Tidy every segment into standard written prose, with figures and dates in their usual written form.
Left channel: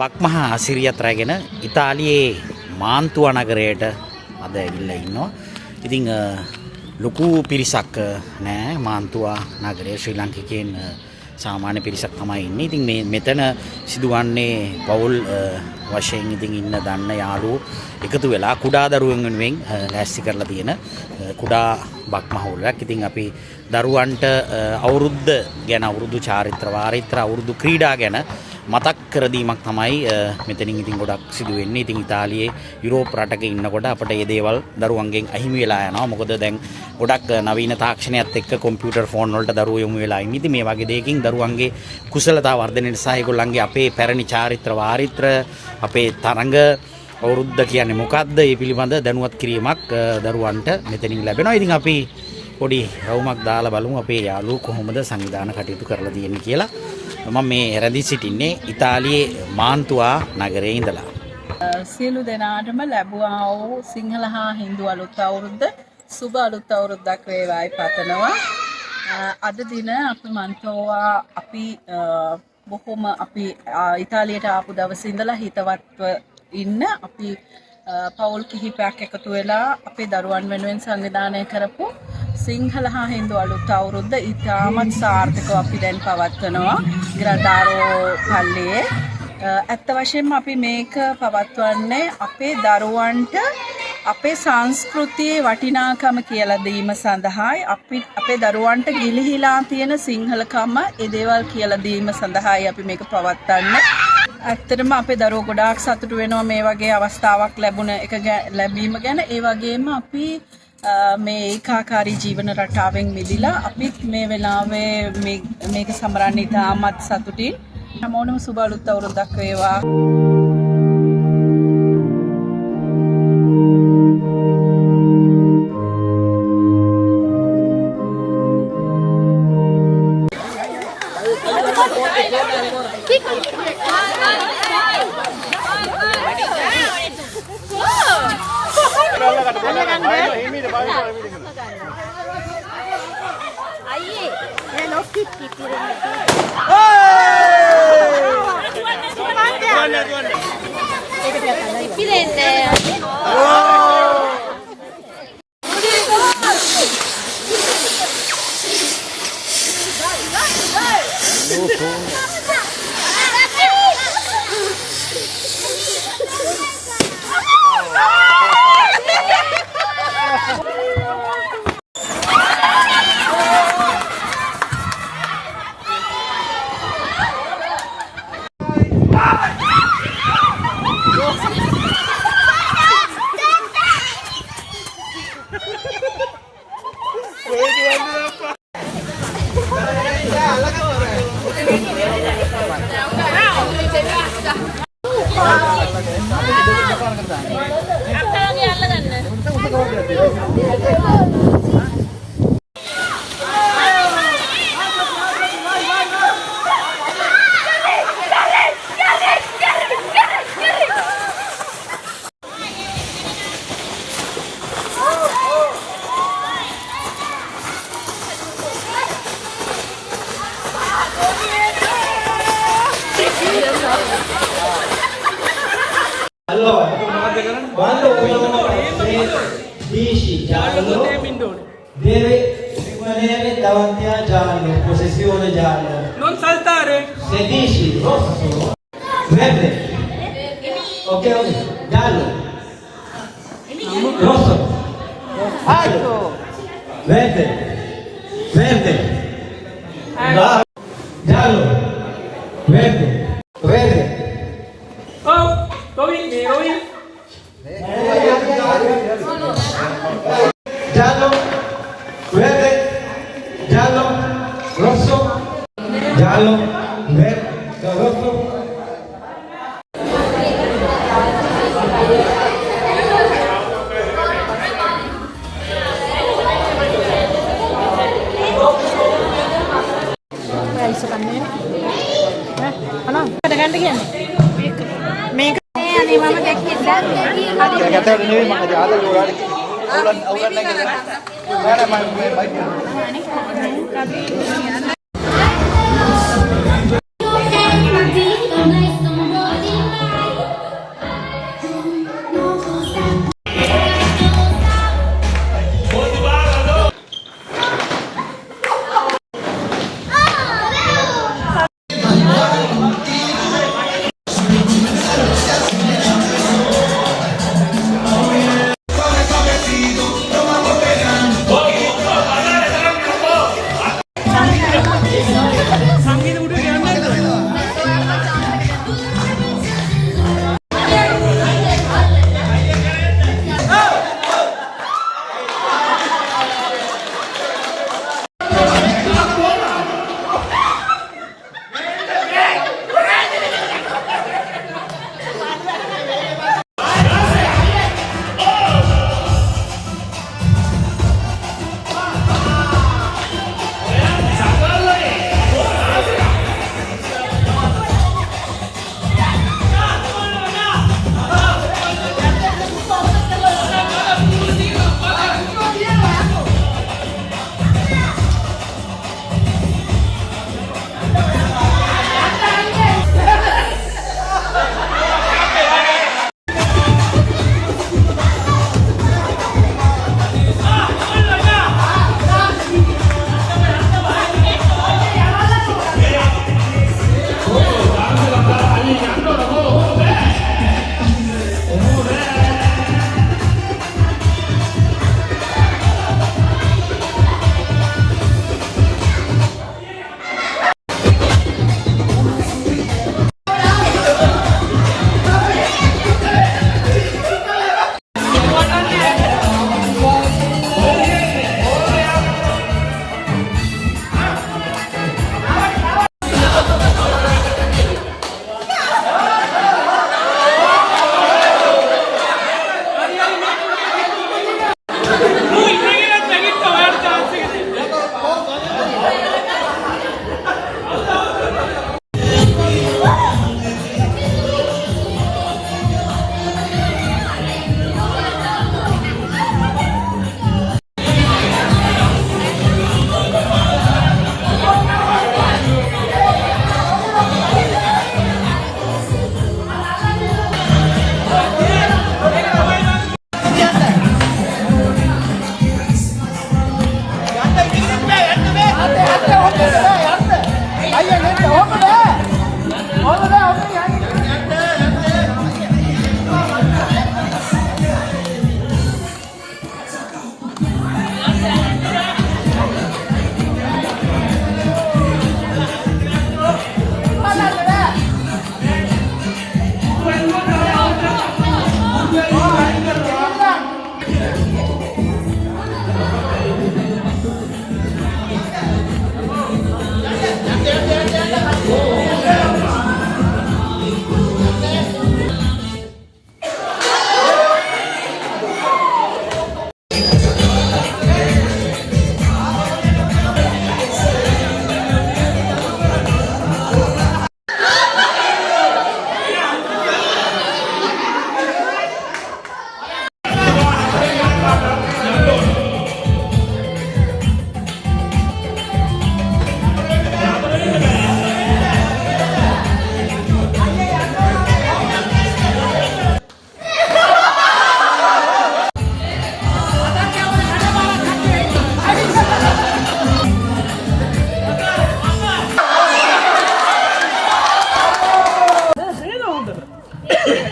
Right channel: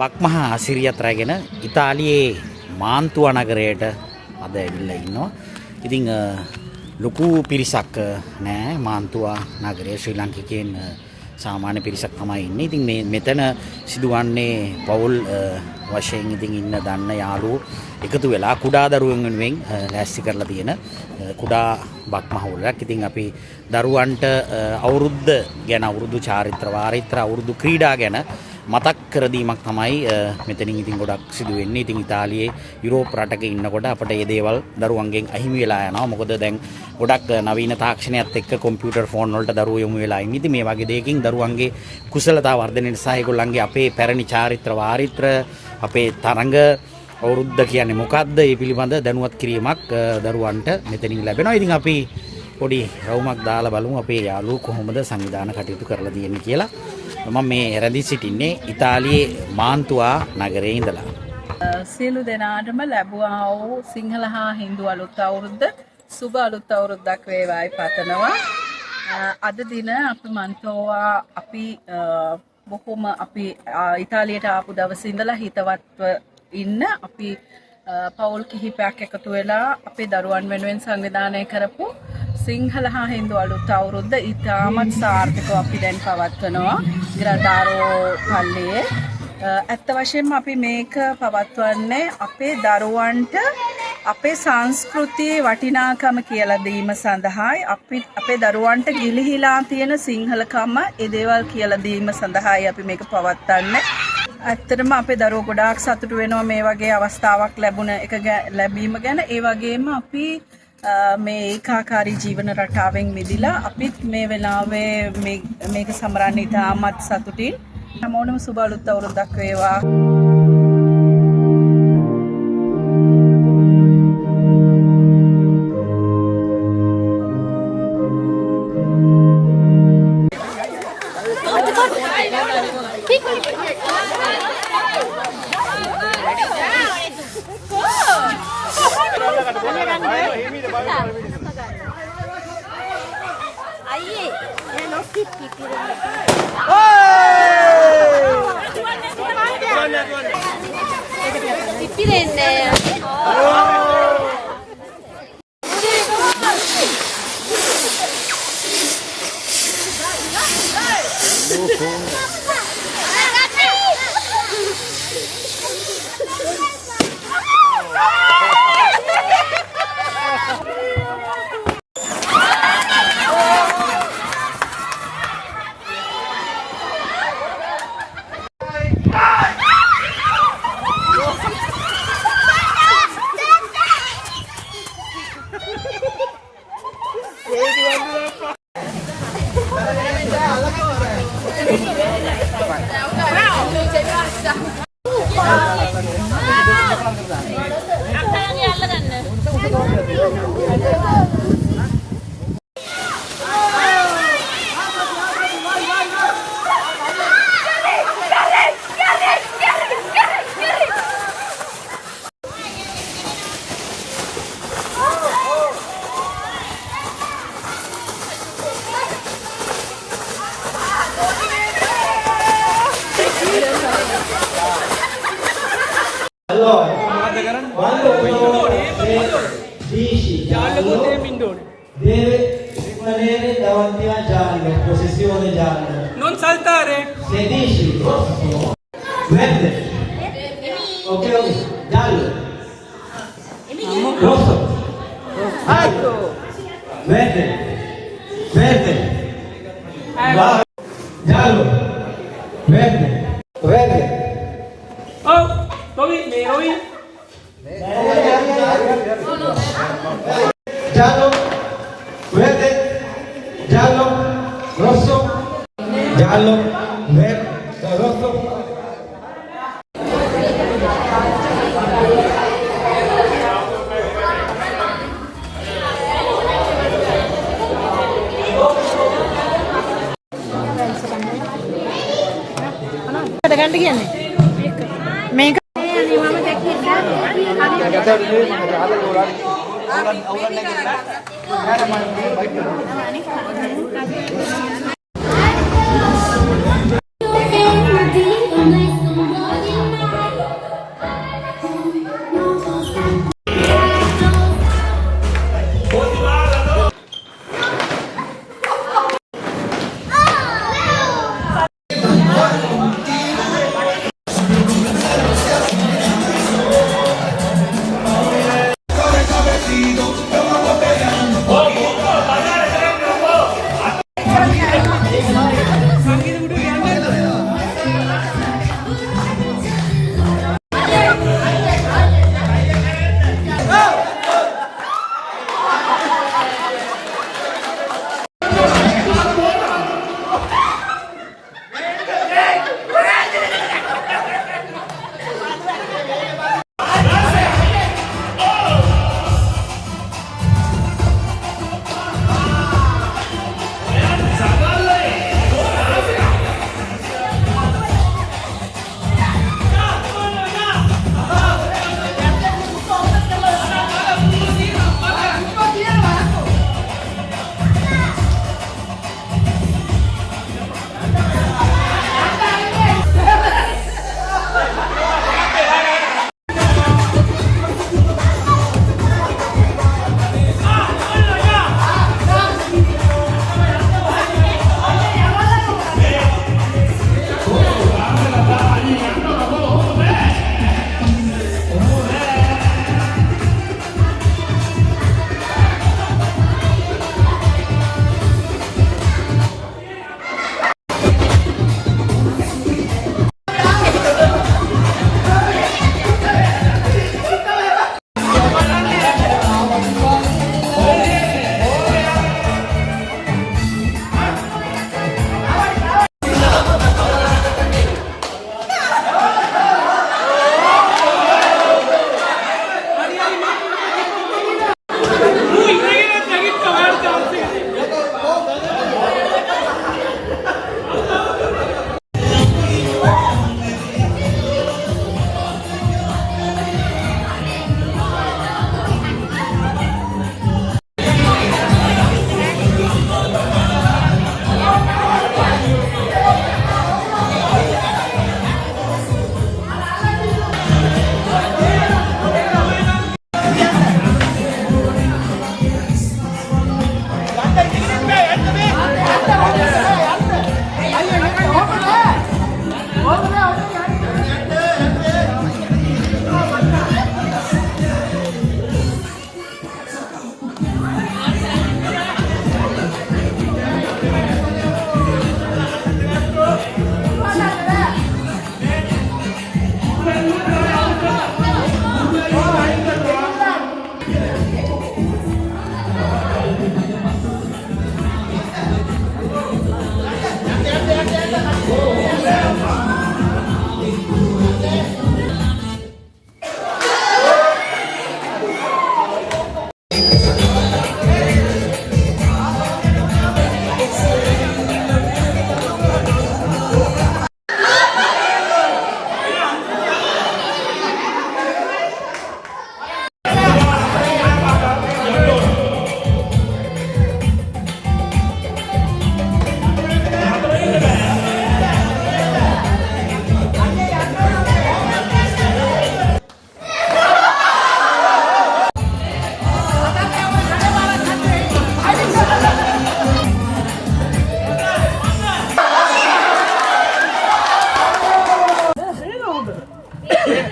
බක්මහා අසිරියත් රැගෙන ඉතාලියේ මාන්තුවා නගරයට අද ඇවිල්ලා ඉන්නවා. ඉතින් ලොකු පිරිසක් නෑ මාන්තුවා නගරයේ ශ්‍රී ලාංකිකයන් සාමාන්‍ය පිරිසක් තමයි ඉන්නේ. ඉතින් මේ මෙතන සිදුවන්නේ පවුල් වශයෙන් ඉතින් ඉන්න දන්න යාළුවෝ එකතු වෙලා කුඩා දරුවන් වෙනුවෙන් ලෑස්ති කරලා තියෙන කුඩා බක්මහවුලක්. ඉතින් අපි දරුවන්ට අවුරුද්ද ගැන අවුරුදු චාරිත්‍ර වාරිත්‍ර අවුරුදු ක්‍රීඩා ගැන මතක් කර දීමක් තමයි මෙතනින් ඉතින් ගොඩක් සිදු වෙන්නේ. ඉතින් ඉතාලියේ යුරෝප් රටක ඉන්නකොට අපිට මේ දේවල් දරුවන්ගෙන් අහිමි වෙලා යනවා. මොකද දැන් ගොඩක් නවීන තාක්ෂණයත් එක්ක කම්පියුටර් ෆෝන් වලට දරුවෝ යොමු වෙලා ඉන්නේ. ඉතින් මේ වගේ දෙයකින් දරුවන්ගේ කුසලතා වර්ධනයට සහ ඒගොල්ලන්ගේ අපේ පැරණි චාරිත්‍ර වාරිත්‍ර අපේ තරඟ අවුරුද්ද කියන්නේ මොකක්ද ඒ පිළිබඳ දැනුවත් කිරීමක් දරුවන්ට මෙතනින් ලැබෙනවා. ඉතින් අපි පොඩි රවුමක් දාලා බලමු අපේ යාළුවෝ කොහොමද සංවිධාන කටයුතු කරලා තියෙන්නේ කියලා. මම මේ රැඳී සිටින්නේ ඉතාලියේ මාන්තුවා නගරයේ ඉඳලා. සියලු දෙනාටම ලැබුවා වූ සිංහල හා හින්දු අලුත් අවුරුද්ද සුබ අලුත් අවුරුද්දක් වේවායි පතනවා. අද දින අපි මාන්තුවා අපි බොහොම අපි ඉතාලියට ආපු දවසේ ඉඳලා හිතවත්ව ඉන්න අපි පවුල් කිහිපයක් එකතු වෙලා අපේ දරුවන් වෙනුවෙන් සංවිධානය කරපු සිංහල හා හින්දු අලුත් අවුරුද්ද ඉතාමත් සාර්ථකව අපි දැන් පවත්වනවා ග්‍රාඩාරෝ පල්ලියේ. ඇත්ත වශයෙන්ම අපි මේක පවත්වන්නේ අපේ දරුවන්ට අපේ සංස්කෘතියේ වටිනාකම කියලා දීම සඳහායි අපේ දරුවන්ට ගිලිහිලා තියෙන සිංහලකම ඒ දේවල් කියලා දීම සඳහායි අපි මේක පවත්වන්නේ. ඇත්තටම අපේ දරුවෝ ගොඩාක් සතුටු වෙනවා මේ වගේ අවස්ථාවක් ලැබීම ගැන. ඒ වගේම අපි මේ ඒකාකාරී ජීවන රටාවෙන් මිදිලා අපිත් මේ වෙලාවේ මේක සමරන්න ඉතාමත් සතුටින්. හැමෝටම සුබ අලුත් අවුරුද්දක් වේවා. Allora, quando uno dici giallo deve rimanere davanti a giallo, possessione giallo. Non saltare. Se dici rosso, verde. Ok, giallo. Rosso. Giallo. Verde. Verde. Giallo. Verde. Verde. Oh, Toby, Toby. Giallo, verde, giallo, rosso, giallo, verde, rosso. මේක අනේ මම දැක්කේ Nice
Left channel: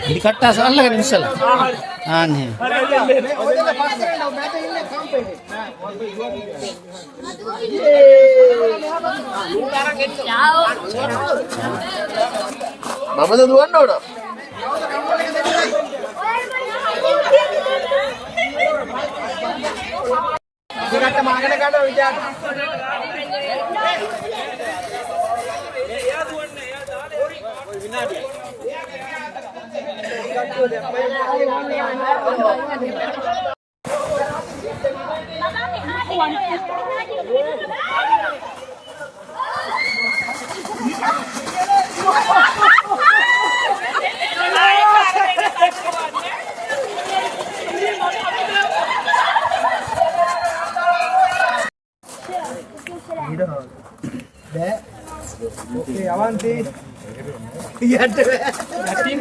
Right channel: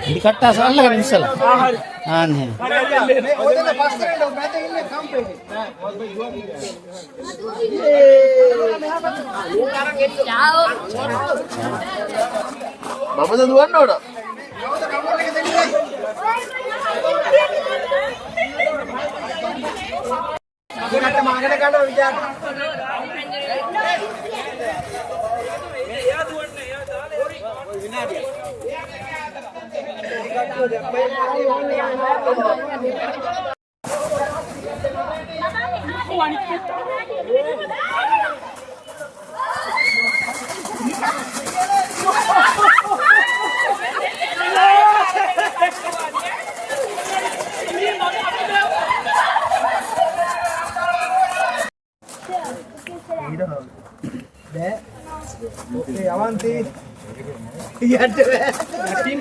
ඉදි කට්ටාස අල්ලගෙන ඉස්සලා. ආන්න එහෙම. මමද දුවන්න ඕන. ඉතින් මාගෙන ගන්න විචාර. Oke, avanti. Iya deh. Yakin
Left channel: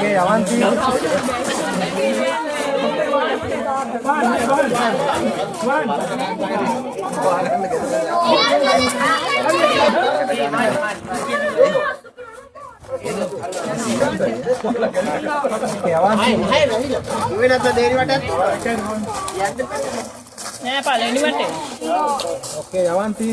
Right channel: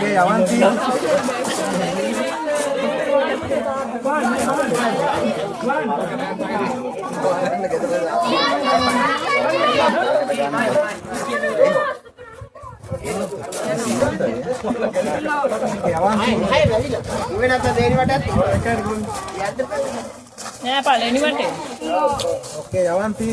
Oke, avanti. Oke, avanti. Oke, avanti.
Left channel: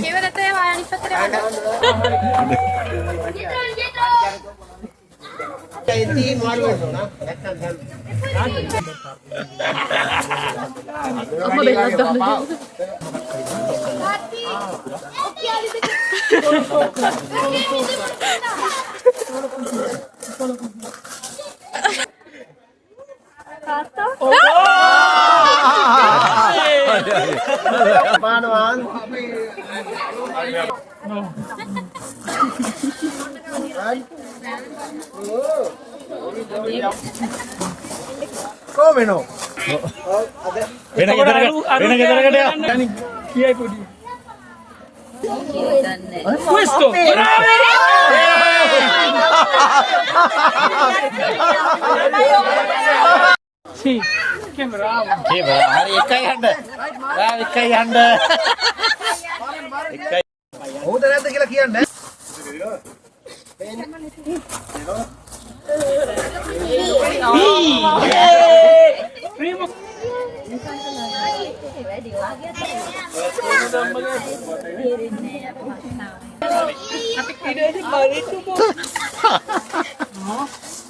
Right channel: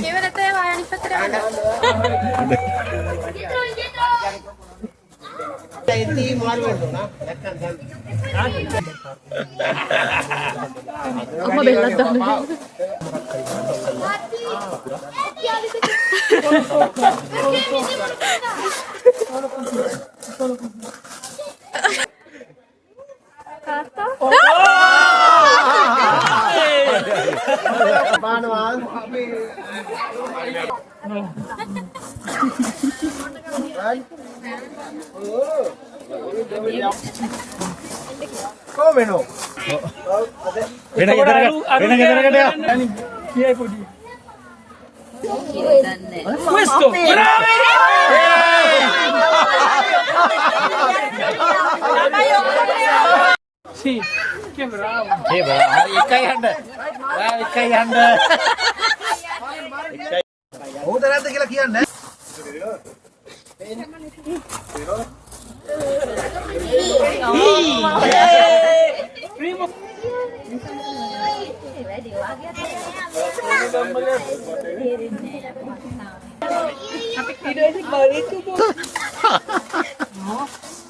Come no? වෙන ගෙදරකට යන්න. Questo! Sì, che bravo. ඒ හරි එකයි යන්න. ඔයා එකයි යන්න. හොඳ නැද්ද කියලා කියන්න.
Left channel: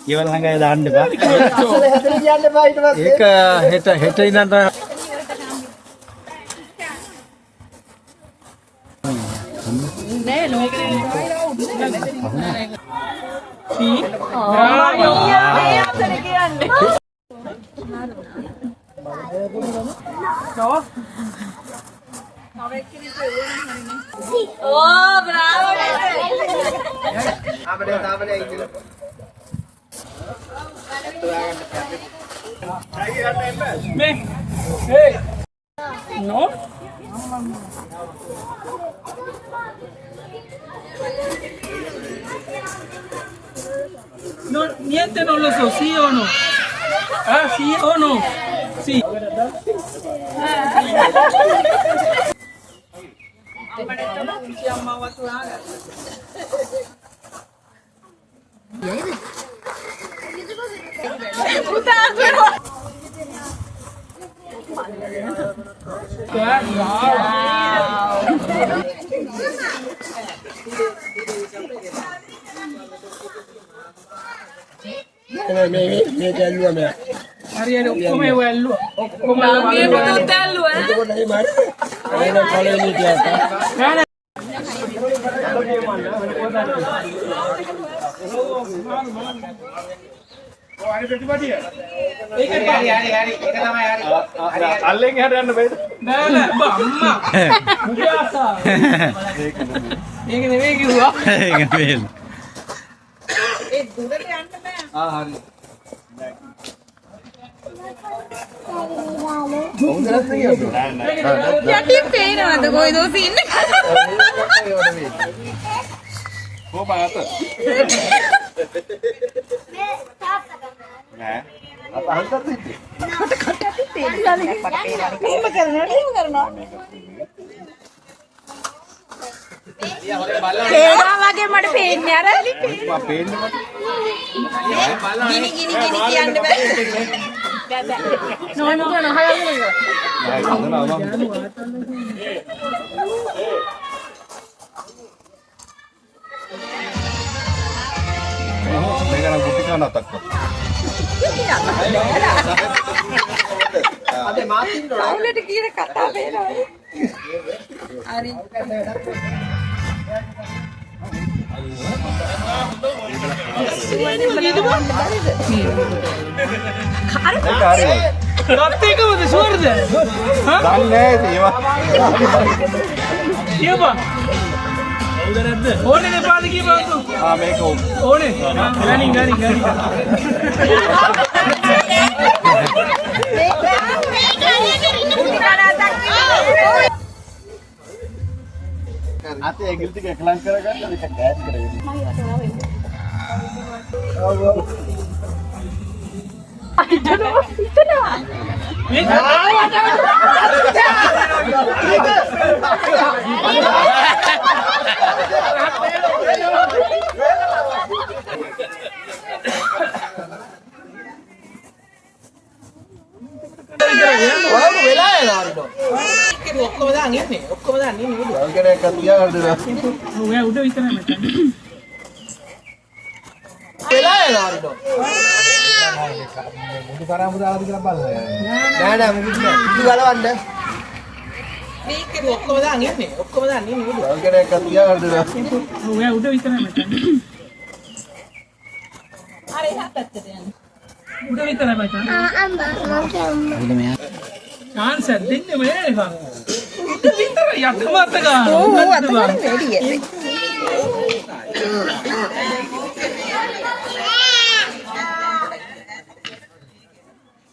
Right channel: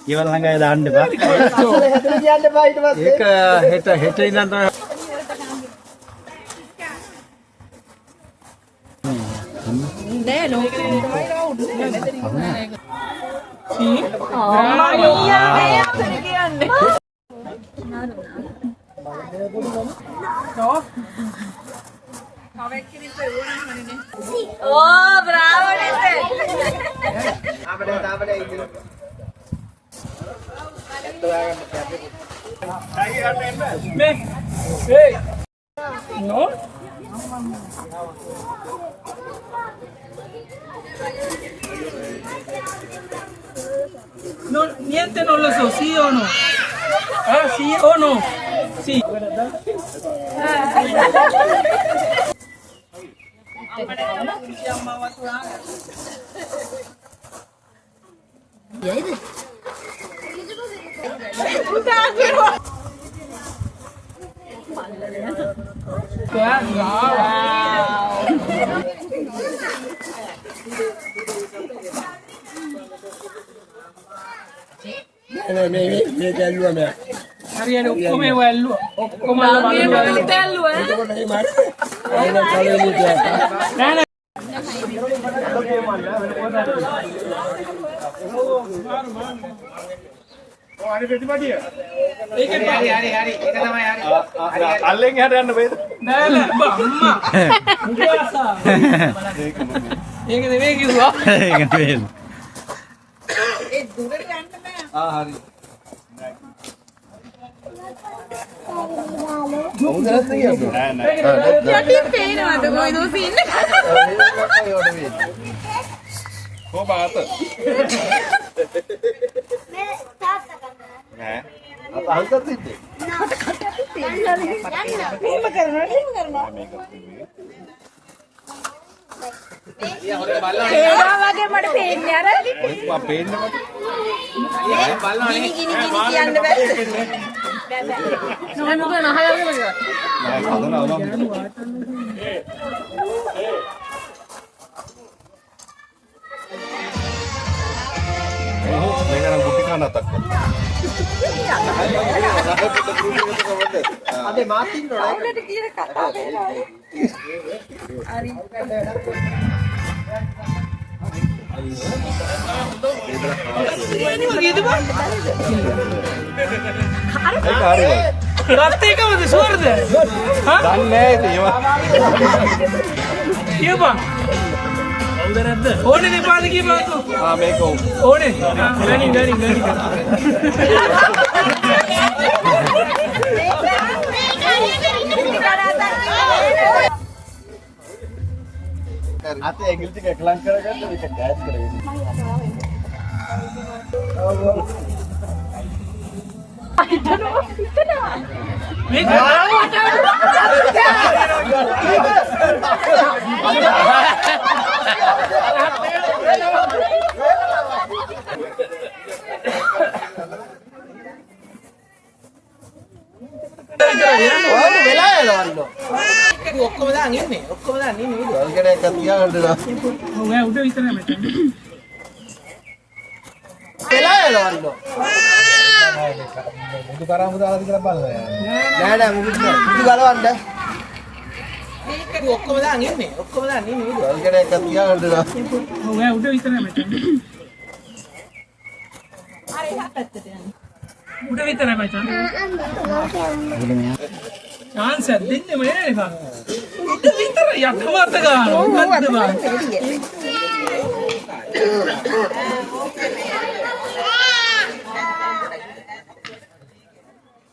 ඊවල ළඟයි දාන්න එපා. ඒක හෙට ඉඳන් No? No, niente non lo so, sì o no? Ah, sì o no? Sì. Ariel, come quello? Come අල්ලෙන් එහාට යන්න බෑද? නෑ නෑ අම්මා. ඒක නෙවෙයි කිව්වා. ඒක නෙවෙයි. හරි. යකලින් පේනවද කොයිද ඔය ඉන්නේ? කොහොමද? නෑ. අපහසුත් තිබ්බේ. පේනවා වගේ මට පේන්නේ අර. මම පේන්නේ මට. ගිනි කියන්න බෑ. නෝන මොකද නහලන්නේ? මේක නම් ගුටි කන අතක්. අද මාතින් ආයෙත් කියන කතාව වෙනවා. හරි. රත්තේකමද ෂුවර්ද? දන්නේ නෑ ඒවා. කියපන්. කවුද නැද්ද? ඕනේ නේ පාද කියපන්. මේක ඕනේ. ගනි. අතේ ඇඟිලි ටික එකලම් කරගන්න මේක ඩෑෂ් කරගෙන. ඔක්කොම දාන් ඉන්නේ. ඔක්කොම දාන් ඉන්නේ උඩ. අංගනයක් තියාගන්න දෙනවා. ඔව් එයා උඩ විතරයි මෙතන. වෙලා එනවා. මුදු කරාමු දාලාද කියලා බලන්න. නෑ මුදු ගලවන්න. මේක ඔක්කොම දාන් ඉන්නේ. ඔක්කොම දාන් ඉන්නේ උඩ. අංගනයක් තියාගන්න දෙනවා. ඔව් එයා උඩ විතරයි මෙතන. අර එහා පැත්තට යන්න. උඩ විතරයි මෙතන. උඩ මෙයා chance එකක් දෙන්න මේ එපා. උඩ විතර යක්කමත් ගන්න. මොකද්ද බං?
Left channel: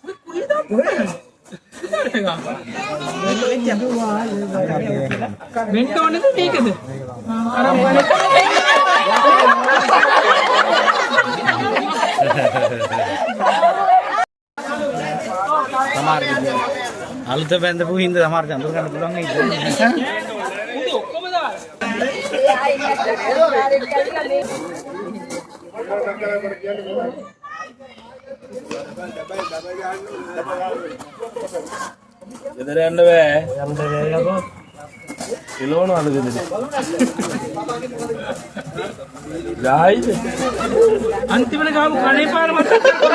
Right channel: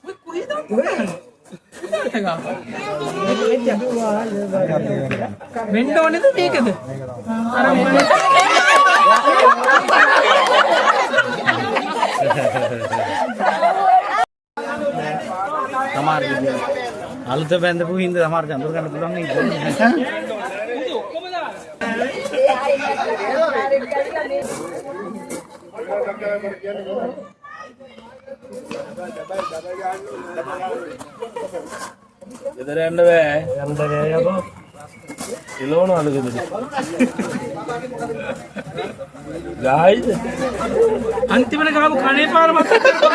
ඔය කුලිදා පොරන. වෙන්න ඕනේද මේකද? අර සමහර විදිහ අලුත බැඳපු හින්දා සමහර අඳුර ගන්න පුළුවන් නේද? ඔක්කොම දාන්න. ගෙදර යන්න බෑ. යන්න බෑ යකෝ. කිලෝනවද ගෙදර? ගායිද? අන්තිමට ගාපු කණේ පාර මතක් කරපන්.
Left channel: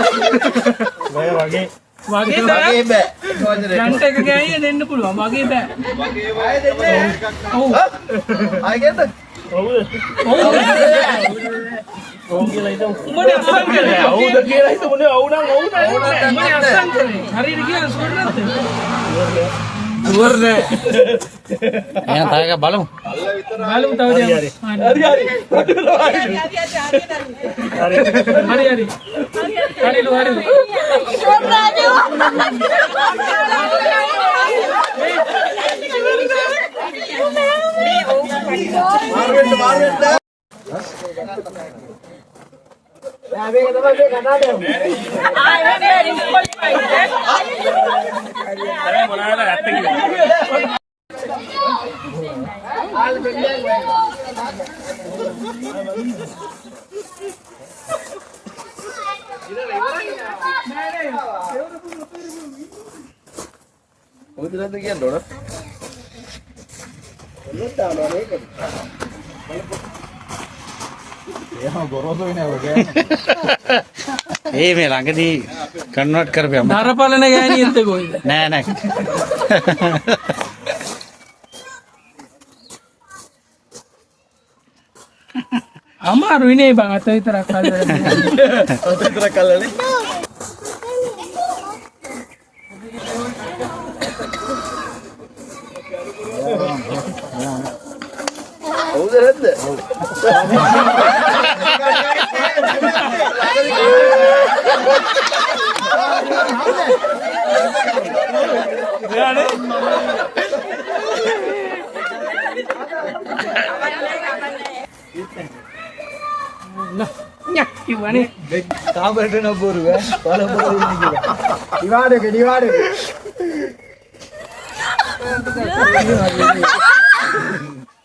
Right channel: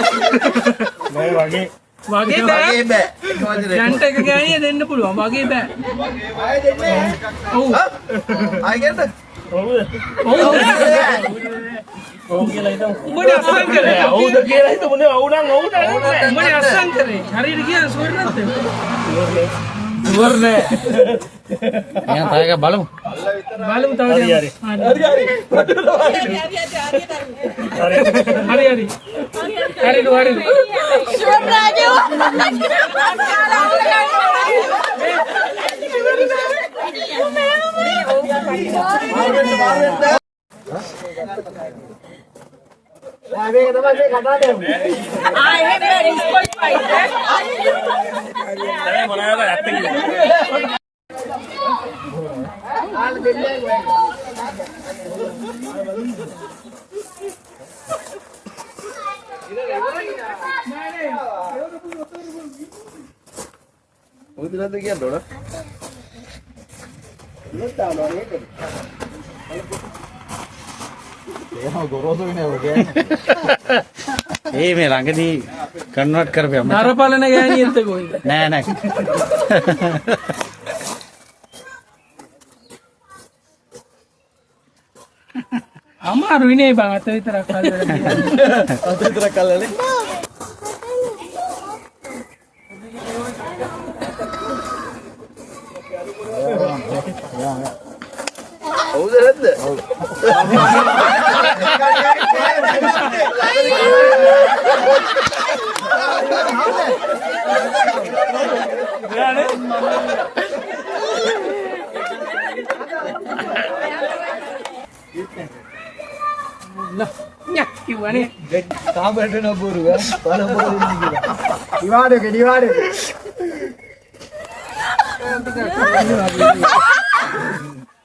මේ වගේ වගේ බෑ. ජන්ට එක ගෑනිය දෙන්න පුළුවන්. වගේ බෑ. ඔව්. ආයෙ ගන්න. ඔව් කියලා හිතමු. උඹනේ අස්සන් කරේ. ඔව්ද කියලා හිතමුනේ. ඔව් නම් ඔව් නෑ. උඹනේ අස්සන් කරේ. හරියට කියන සුවර් නැද්ද? සුවර් නෑ. එහෙනම් තායක බලමු. බලමු තව දෙයක්. හරි. හරිලු. මේක තමයි මේ කතාවට යන්නේ. ඔය දෙලද කියන්න ඕන. ඒ මේ ළඟදී කන්වර්ට් කරපියා මචං. නරපලන ගෑනියෙක්ද කොයිද? නෑ. අමාරුයි නේ බං අත විතරක් හදලා. අත විතරක් අල්ලන්නේ. ඔව්ද නැද්ද? ඔව්. Nyak kiwane. කාමරේට නබුරු පළපොළ ඉන්නේ කියලා. දිවාඩේ දිවාඩේ.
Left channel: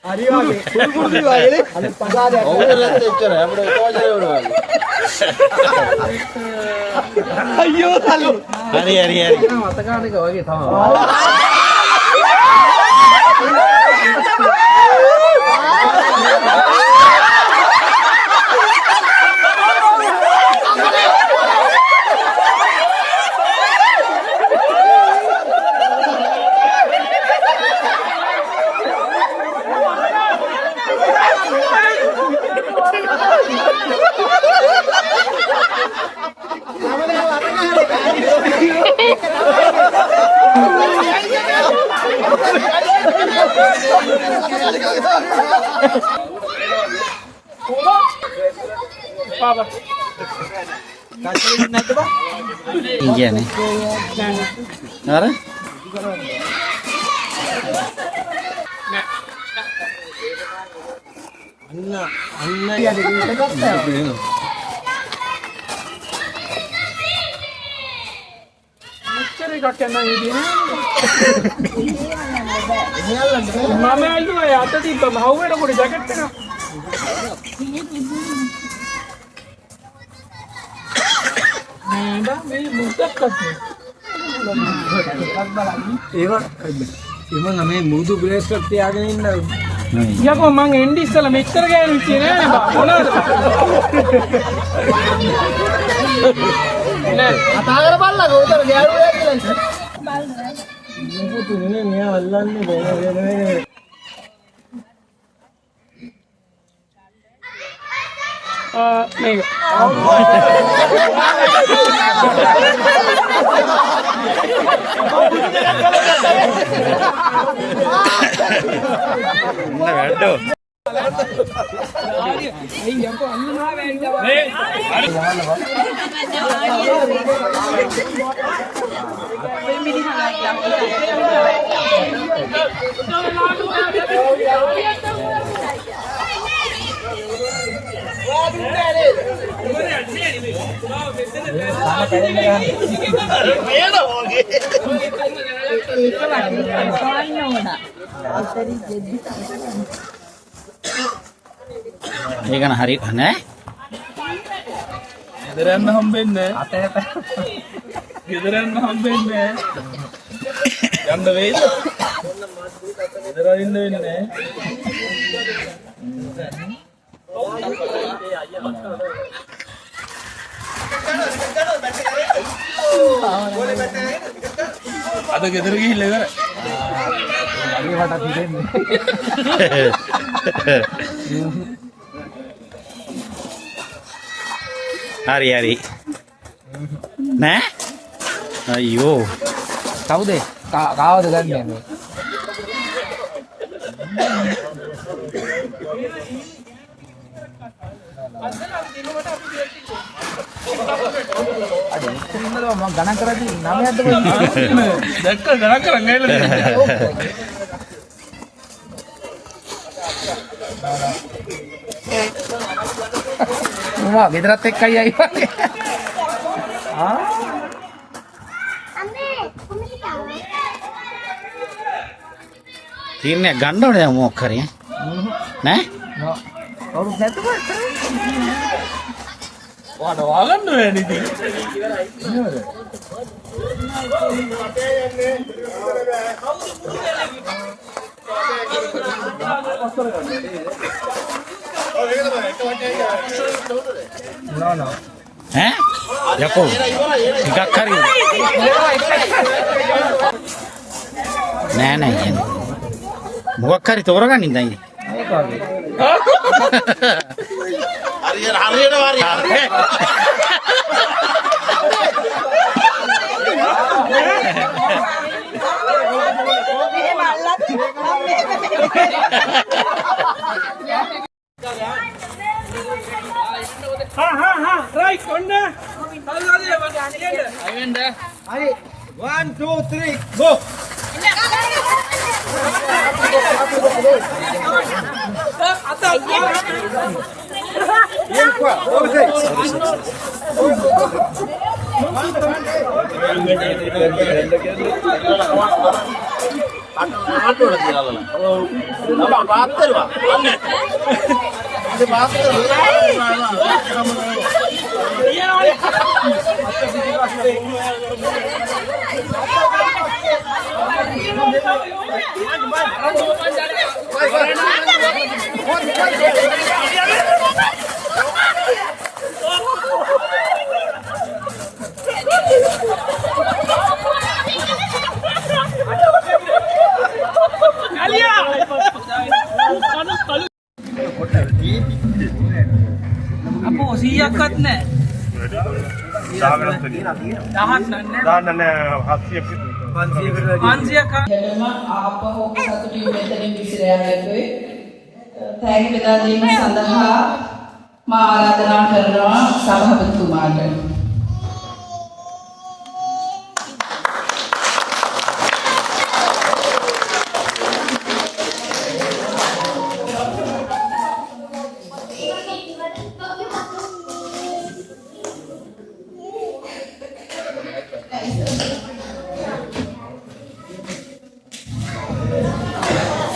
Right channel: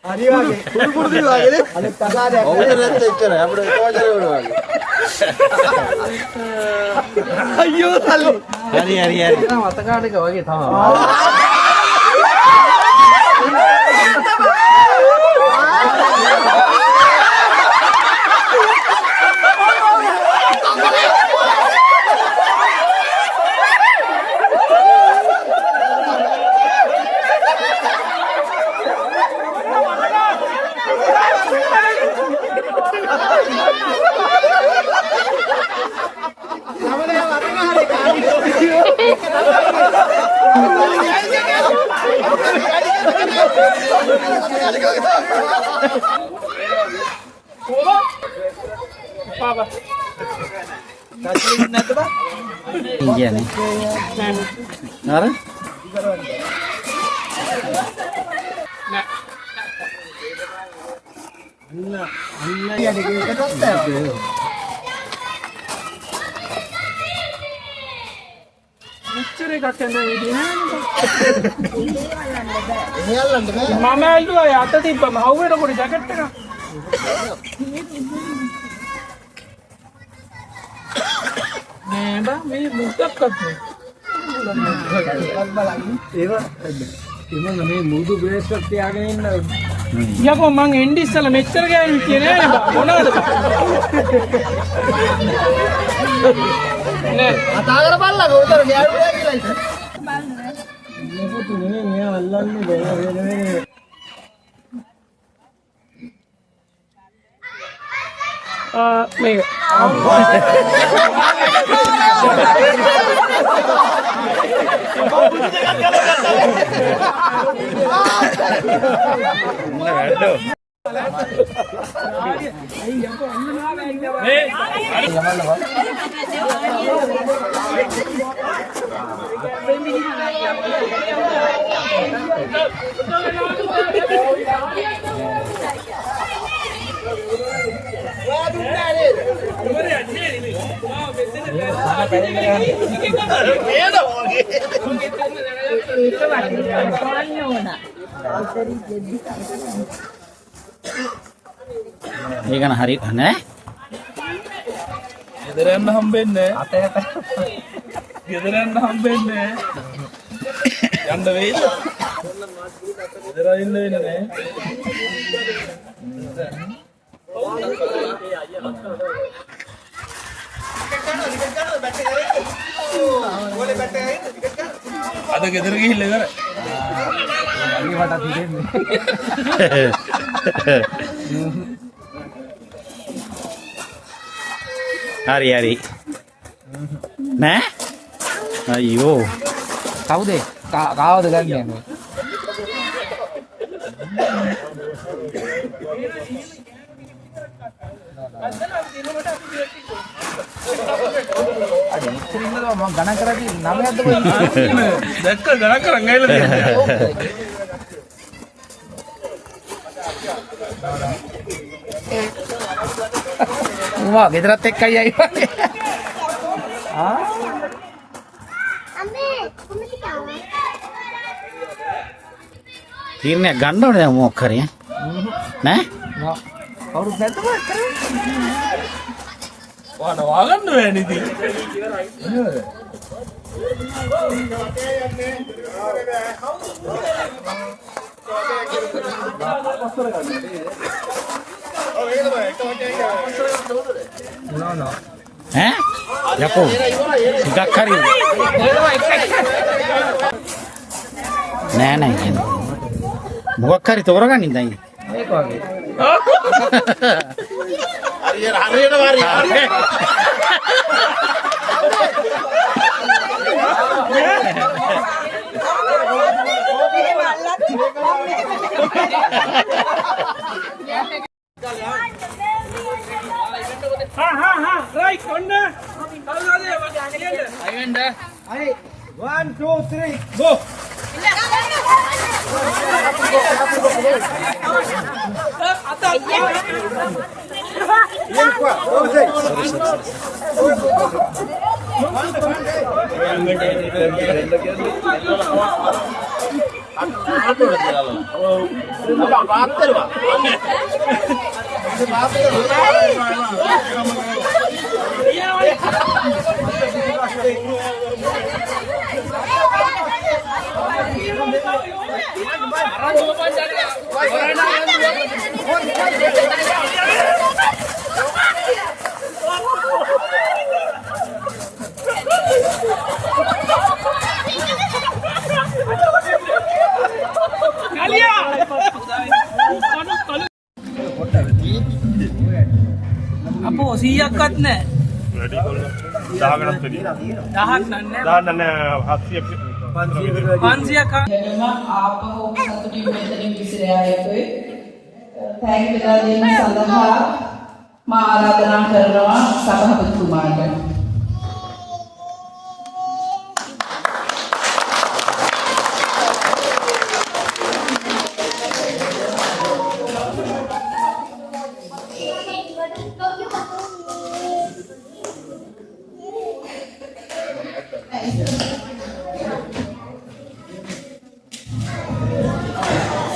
හරි වගේ කුරුකුරු දිවාඩේ අනිත් පසාරයක්. ඔවුරත් එච්චර අපිට තෝජරේ වුණා වගේ. අයියෝ තල්ලි. හරි හරි හරි. මතකානික වගේ තමයි. Papa. Iya nih. Nara? මෙච්චර එකක් යනවා ඉතින් මම ඇල්ලුවා අත තිබ්බ මහුවට පොඩි ජැකට් එකක් නේද මේ මුත්තක් අතේ ඒව මේ මුදු බ්‍රේස් එකක් තියාගෙන ඉන්න යකෝ මං එන්ඩි ඉස්සලා මෙච්චර ගෑනු හිටියේ නෑ මොනවද නෑ කතා කරපල්ලා උතර ගෑරුවේ කියලා ඉතින්. මොකද නේ මෙයා අල්ලන්නේ බෑ මේක වැඩෝ ඒක හරි නෑ ගෙදරන්න හම්බෙන්නේ අතයට ගෙදරන්න හම්බෙන්නේ යන්න වෙයිද ගෙදර ඉන්න වෙන්නේ නෑ අද ගෙදර ගිහිල්ලා ඉවර අලි වටක් හිටින්නේ හරි හරි නෑ අයියෝ කවුද කාවද ගන්නේ මම ගණන් කරද්දි 9ක්ද කොයි දැක්ක ගණන් කරන් ඇවිල්ලා වා ගෙදරත් එක්කයි ආයි වගේ. තීරණයක් ගන්න ඕනේ මොකක් හරි නෑ කවුරුත් නැද්ද වාඩ වාගන්න වෙන්නේ ඉතින් නේද ඈ යකෝ ටිකක් හරි නෑ නෑ මොකක් හරි තෝරගන්න ඉඳන් මේක වගේ. right konda හරි 1 2 3 go. අපෝ 100ක්වත් නැහැ. 10ක් නෑ. 500ක් ආපහු සතුටින් මෙතනින් විසිර යන්නේ. තෑගි බෙදා දීම සඳහා මා ආරාධනා කරනවා සභාපතිතුමාට.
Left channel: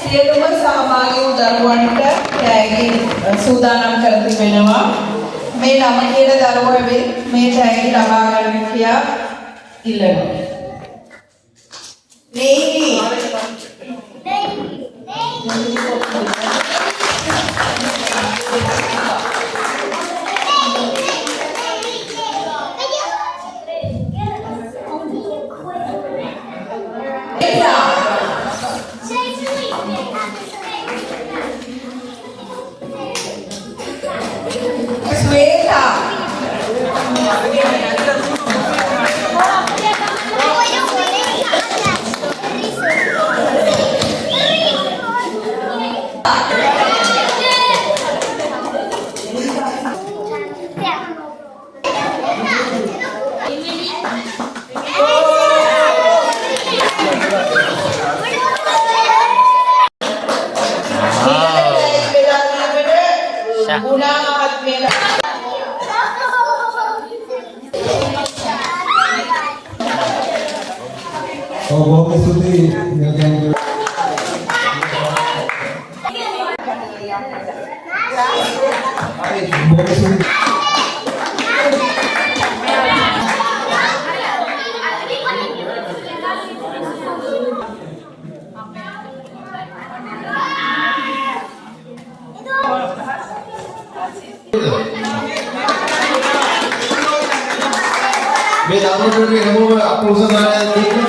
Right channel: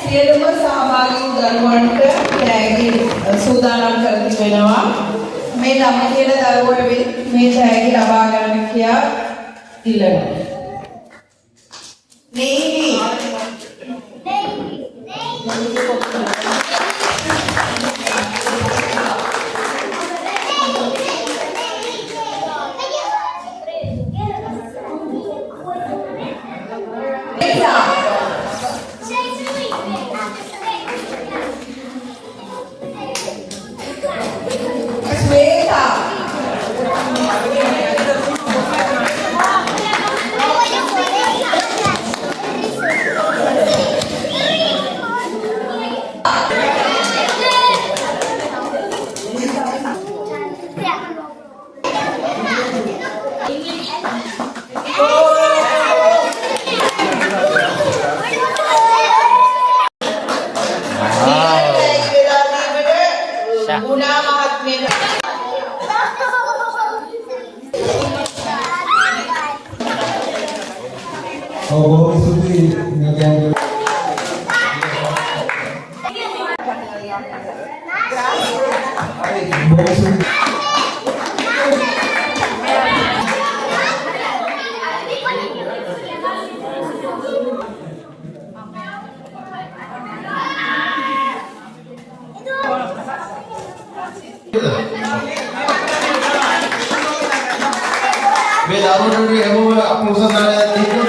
සියලුම සහභාගී වූ දරුවන්ට තෑගි සූදානම් කර තිබෙනවා. මේ නම කියන දරුවා මේ තෑගි ලබා ගන්න කියා ඉල්ලනවා. බොහොම ස්තුතියි නගයන්ගේ මේ ධර්ම ප්‍රතිනේ හැමෝම අපෝසනාලයක්